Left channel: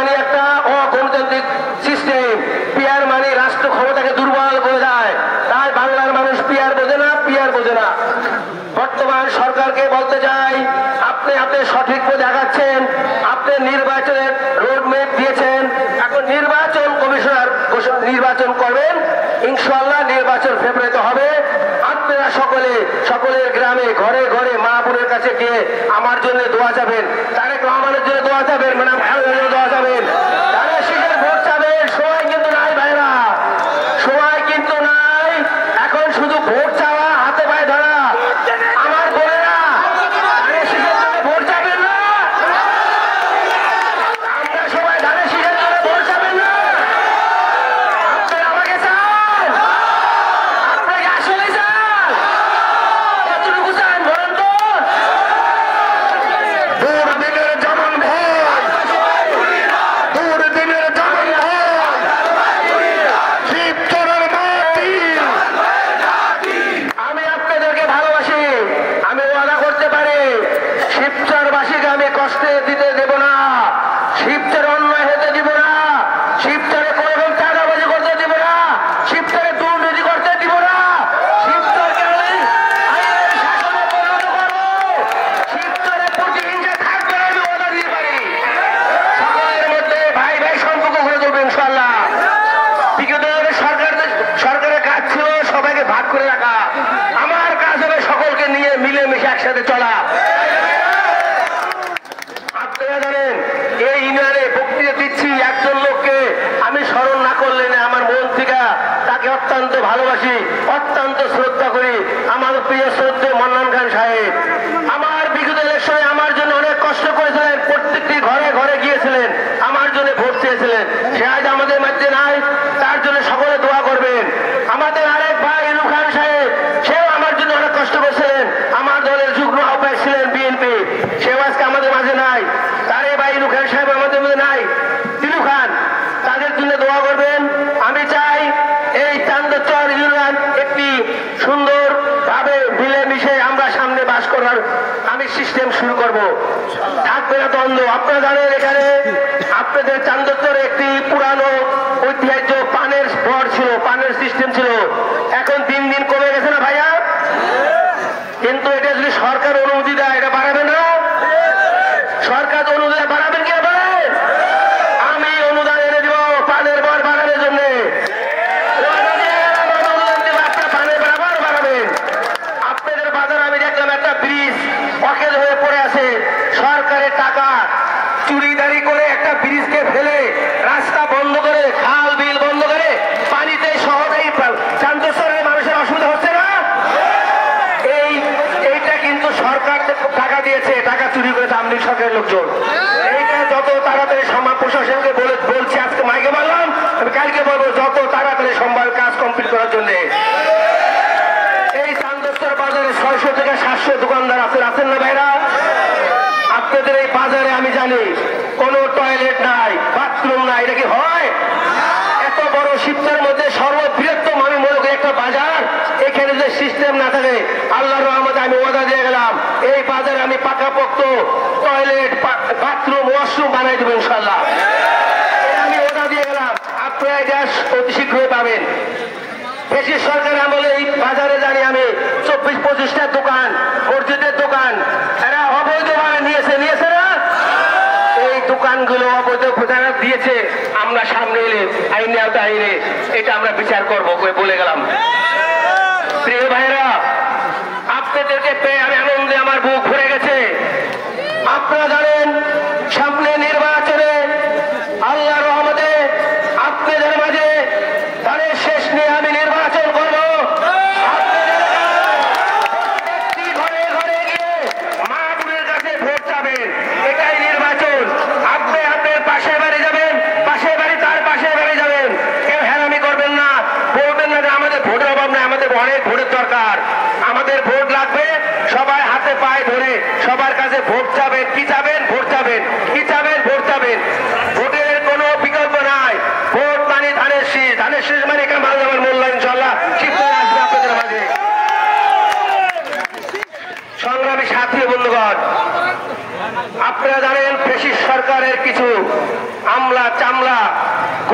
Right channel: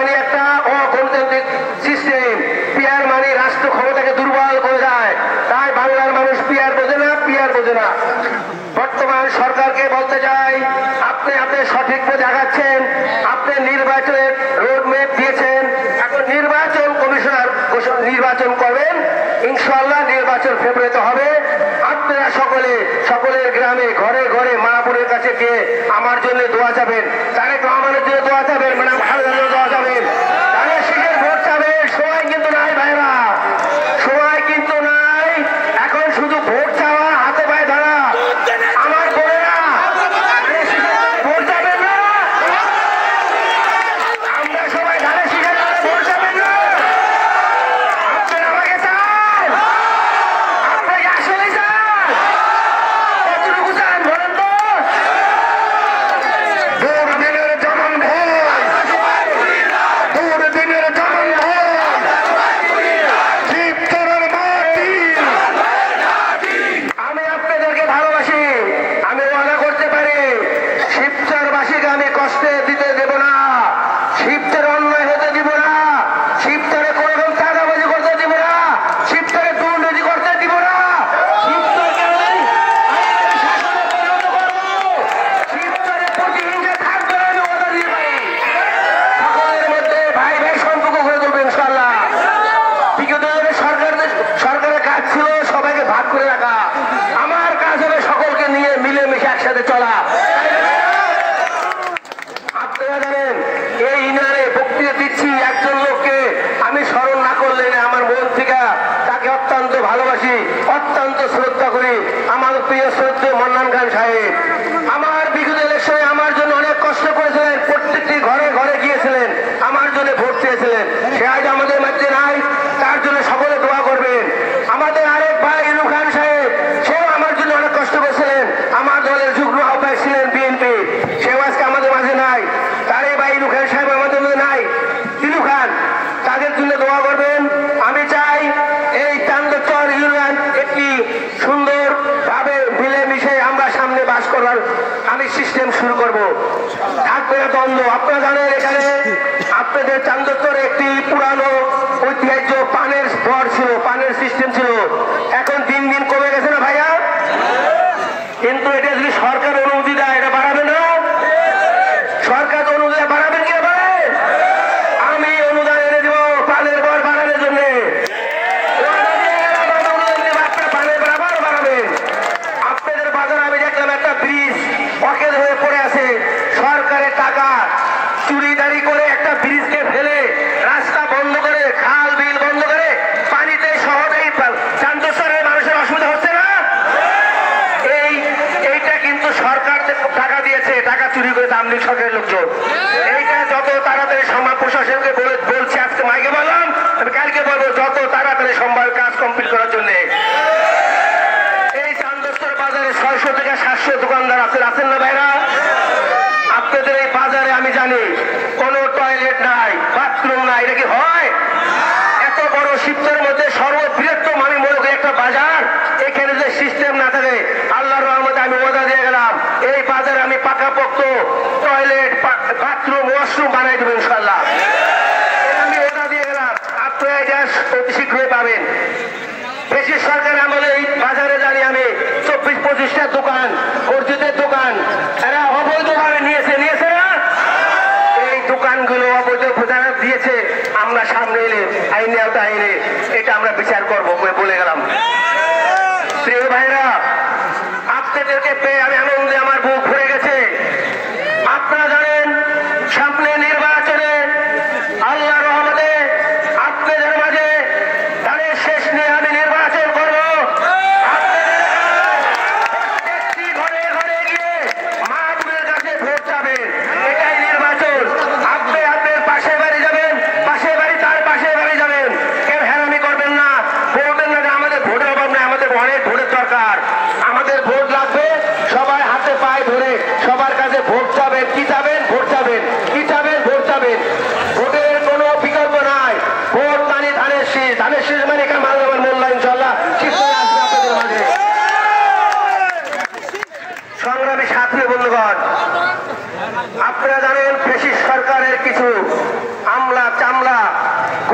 মানি একটা অগণতান্ত্রিক system. Peer মানি রাষ্ট্র ক্ষমতাকে দুর্বল করে দেয়। তাই বাংলার মানুষ পিয়ার বোঝে না, পিয়ার বোঝে না। বর্তমান সরকারকে বলতে চাই, আপনি সঠিক পথে আগাচ্ছেন, আপনি নির্বাচনের রোডম্যাপ দিয়েছেন, এখন নির্বাচন কমিশনার নির্বাচন করবেন, ইনশাআল্লাহ নির্বাচন ফেব্রুয়ারিতে হবে। আপনারা সকলের গ্রামে ঘরে ঘরে মা বোনের কাছে গিয়ে আমার জন্য দোয়া যাবেন, তারেক রহমানের জন্য দোয়া যাবেন, মানে ভালো দোয়া যাবেন, শিখের ভোট যাবেন। সময় কিন্তু নাই ভাইরা, সময় কিন্তু নাই। এখন শুধু ভোট চাওয়া, হাতে পায়ে ধরা। আমার বোনেরা ভোট যাবেন না, আমরা সবাই ধারে শিখের ভোট যাবেন না। আপনারা আমাকে চান, আপনাকে আসলে চান, কতটুকু চান বলেন তো? দুর্দিনের জনম দুর্দিনের জনম শিবচরের মাটি। আমি আপনাদেরকে ভালোবাসি, আমি ওয়াদা করতে পারি শিবচরবাসীকে আমি কষ্ট দিতে দেব না, শিবচর অন্যায় হতে দিব না, শিবচরে কোনো রকম চাঁদাবাজি করতে দিব না, শিবচরে দুর্নীতি করতে দিব না, শিবচরকে আমি শাসনে পরিণত করবো, শিবচরে প্রতিহিংসা থাকবে না, আমি ওয়াদা দিতে পারি। সকলের মধ্যে ভাই ভাই সম্পর্ক করে দেবো ইনশাআল্লাহ। বিগত দিনে সরকারের কাজ ছিল সবাইকে ভাগ করে রাখা, আমার কাজ হবে সকলকে নিয়ে মিলেমিশে একসাথে চলা। আপনারা জানেন এই ইউনিয়নে বক্তৃতা দিচ্ছি একজন লোককে আমি স্মরণ না করলে আমার মন থেকে তাকে অত্যন্ত ভালোবাসি, অত্যন্ত শ্রদ্ধা করি, আমার প্রিয় শ্রদ্ধেয় মান্নান খান সাহেব। আমার বিগত ইলেকশনে আমার জন্য অনেক কষ্ট করেছিলেন, প্রত্যেকটি ঘরে ঘরে গিয়েছিলেন, আমার জন্য ভোট চেয়েছিলেন। সে আজ আমাদের মধ্যে নাই, তার জন্য সকলে দোয়া করবেন। আমাদের আরেক ভাই ইনু খান সাহেব, সেও আমার জন্য অনেক কষ্ট করেছিলেন, আমার দলের যুগ্ম আহ্বায়ক ছিলেন বিএনপি, সেও আজকে আমাদের মাঝে নাই। তারে ভাই ইনু খান সাহেব আমাদের মধ্যে নাই, ইনু খান, তাদের জন্য দোয়া করবেন। আমি চাই এই চান্দচর ইউনিয়ন একটি সুন্দর ভাবে মিলেমিশে আমরা সামনে বাস করার আমি সিস্টেম শুরু করব। থাকবে না দ্বন্দ্ব। আপনারা জানেন এখানে আপনাদের চান্দচরে একটি পুরানো ঐতিহ্য পানের ঘর ছিল, পানের সিস্টেম ছিল, এখন দিন দিন কমে গেছে না ভাইয়া? কিন্তু এটা যদি সরকার অনুমতি দেয় এটা বাড়াবে না? সরকার অনুদান বাড়াবেন কি বলেন? আমি অনুদান এনে দিব পানের ঘর বাড়ানোর জন্য। আপনাদের বাজারে আমি দেখলাম একটা ব্রিজ অকেজ হয়ে পড়ে আছে, সরকারের টাকা চুরিদারি করে একটা ব্রিজকে ফেলে রাস্তা বন্ধ করে, খাল বিল বন্ধ করে, পানিতে সহজেই চান্দচরের মানুষের অসুবিধা হচ্ছে না? এইটা কিন্তু সরকার টাকা দিয়েছে, টাকা চুরি করে দাম নেই সরকারের লোকজন। এইটা যত তাড়াতাড়ি সম্ভব প্রশাসনকে বলছি, আজকে মাইকে বললাম, আমি কালকে বলবো যত তাড়াতাড়ি সম্ভব কাজ কমপ্লিট করার জন্য। এই চান্দচর বাজারে 600 থেকে 700 দোকানদার আছেন না ভাইরা? আপনাদের এই বাজারে আমি জানি কোন টয়লেট নাই, বাথরুম নাই, এটা কি হয়? এত বড় শিবচরের মধ্যে সর্ববৃহত্তম আমি মনে করি একটা বাজার, এখানে যে সিস্টেম না থাকে, আল্লাহর রহমতে আমি ওয়াদা দিয়ে গেলাম এই বাজারে আমি পাকাপোক্ত টয়লেট, বাথরুম, ওয়াশরুম বানাই দেবো ইনশাআল্লাহ। আমি ওয়াদা দিয়ে গেলাম, আপনারা এটা অতি শীঘ্রই পাবেন। বেশি সরকার আমলে এই বাজারে জানি আমি 24-25টা দোকান, অর্জিতের দোকান, এরা অবৈধভাবে নিয়েছে না? এই দোকানগুলো অবৈধ প্রচার দিয়েছে, আমরা সামনে এলে আইনে আইনে এটা আমরা বিচার করবো বলে গেলাম। প্রিয় ভাইরা, আপনাদেরকে পেয়ে আমি আনন্দে আমার বুক ভরে গেছে। আপনারা জানেন সামনে নির্বাচনে আল্লাহর রহমতে আপনাদের মাঝে তাদের শেষ নিয়ে আমি নির্বাচন করব। প্রত্যেকটি ঘরে ঘরে গিয়ে মাহবুবের কাছে ভোট যাবেন, এটাই নির্বাচন। আপনি আপনার পাশে বাড়ি যাবেন, পাশে বাড়ি তার পাশে বাড়ি যাবেন, কেউ হেরামি করবেন না, বলবেন না যে আমাদের ভোটের অভাব নেই, আমাদের অনেক ভোটের দরকার, আমাদের ভোট লাগবে, সবাই হাতে পায়ে ধরে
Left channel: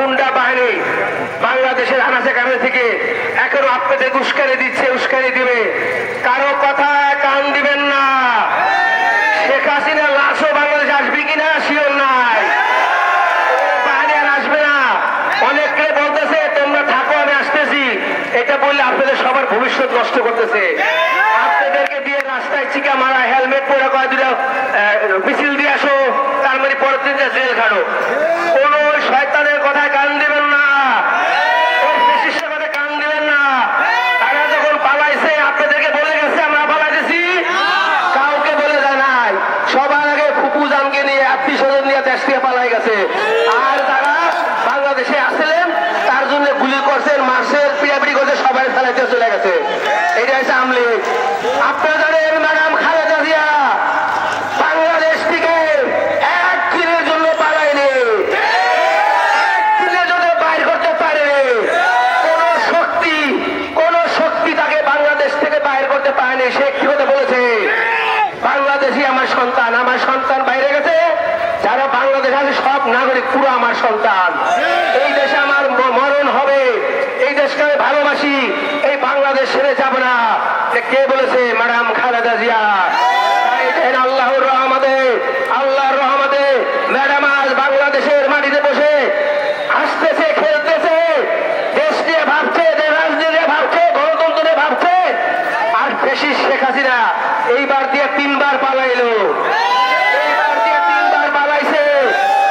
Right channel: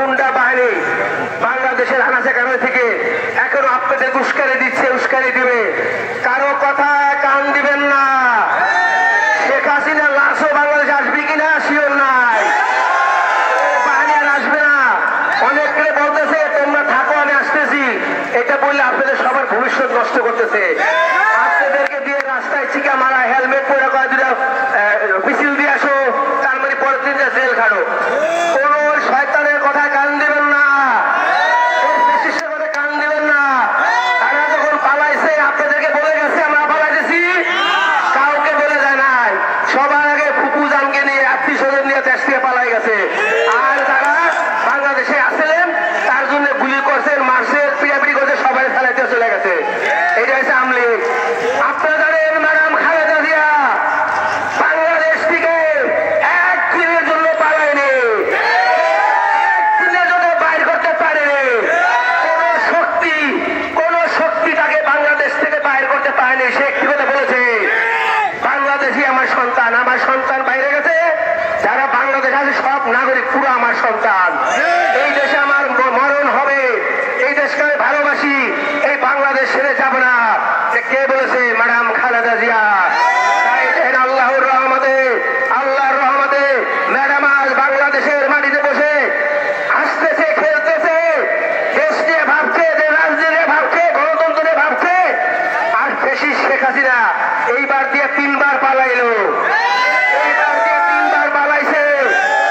গুন্ডা বাহিনী বাংলাদেশের আনাচে কানাচে থেকে এখনো আপনাদের উস্কানি দিচ্ছে, উস্কানি দিবে। কারো কথা কান দিবেন না। শেখ হাসিনার লাশও বাংলাদেশে আসবে কিনা শিওর নাই, বাহিনী আর আসবে না। অনেকে বলতেছে তোমরা থাকো আমি আসতেছি, এটা বললে আপনাদের সবার ভবিষ্যৎ নষ্ট করতেছে। আপনাদেরকে দিয়ে রাস্তায় চিকা মারা, হেলমেট পরে কয় দিল মিছিল দিয়ে আসো, তার মানে পরের দিন জেল খাটো। কোন শয়তানের কথায় কান দিবেন না, বিশিষ্টের কথায় কান দিবেন না। তারা যখন পালাইছে আপনাদেরকে বলে গেছে আমরা পালাইতেছি, কাউকে বলে যায় নাই। সবার আগে ফুপু জানকে নিয়ে আত্মীয় স্বজন নিয়ে দেশ থেকে পালাই গেছে। আর যারা বাংলাদেশে আসছিলেন তার জন্য গুলি করছেন, মারছেন, পিড়াপিড়ি করছে, সবাই থানাতে চলে গেছে। এটা হচ্ছে আওয়ামী লীগ। আপনারা জানেন ম্যাডাম খালেদা জিয়া বাংলাদেশ থেকে এক দিনের জন্য পালায়নি, এক দিনের জন্য বাইর করতে পারেনি। কোন শক্তি তাকে বাংলাদেশ থেকে বাইর করতে পারেনি। সে কি কথা বলেছে, বাংলাদেশই আমার সন্তান, আমার সন্তান বাইরে গেছে, যারা বাংলাদেশে আছে সব নাগরিক পুরো আমার সন্তান। এই দেশে আমার মরণ হবে, এই দেশকে আমি ভালোবাসি, এই বাংলাদেশ ছেড়ে যাব না। কে বলেছে, ম্যাডাম খালেদা জিয়া। আল্লাহর রহমতে ম্যাডাম আজ বাংলাদেশের মাটিতে বসে আসতেছে, খেলতেছে, দেশ নিয়ে ভাবছে, রাজনীতি নিয়ে ভাবছে, গণতন্ত্র নিয়ে ভাবছে। আর বেশি শেখ হাসিনা এইবার দিয়ে 3 বার পালাইলো, এইবার দিয়ে 3 বার পালাইছে।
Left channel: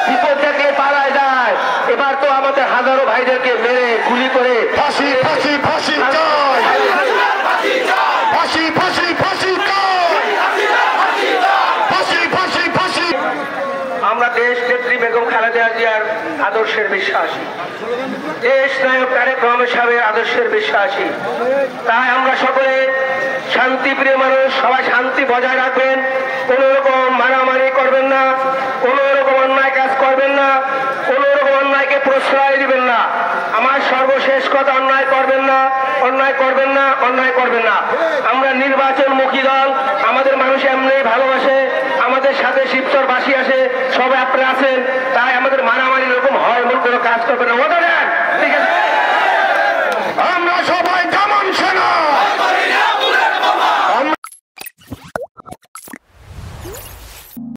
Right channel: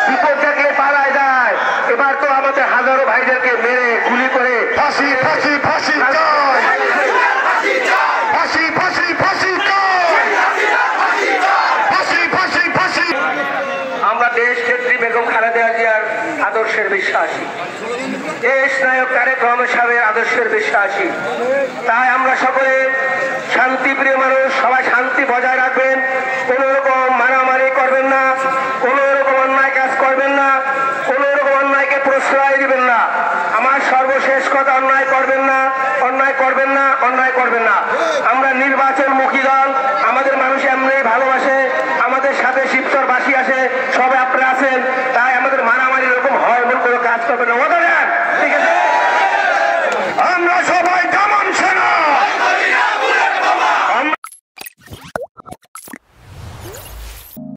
বিপদ থেকে পালায় যায়। এবার তো আমাদের হাজারো ভাইদেরকে মেরে গুলি করে ফাঁসি ফাঁসি ফাঁসি চাই, ফাঁসি ফাঁসি ফাঁসি চাই, ফাঁসি ফাঁসি ফাঁসি। আমরা দেশ নেত্রী বেগম খালেদা জিয়ার আদর্শের বিশ্বাসী, দেশ নায়ক তারেক রহমান সাহেবের আদর্শের বিশ্বাসী। তাই আমরা সকলে শান্তিপ্রিয় মানুষ, সবাই শান্তি বজায় রাখবেন। কোন রকম মারামারি করবেন না, কোন রকম অন্যায় কাজ করবেন না, কোন রকম অন্যায়কে প্রশ্রয় দিবেন না। আমার সর্বশেষ কথা, অন্যায় করবেন না, অন্যায় করবেন না, অন্যায় করবেন না। আমরা নির্বাচনমুখী দল,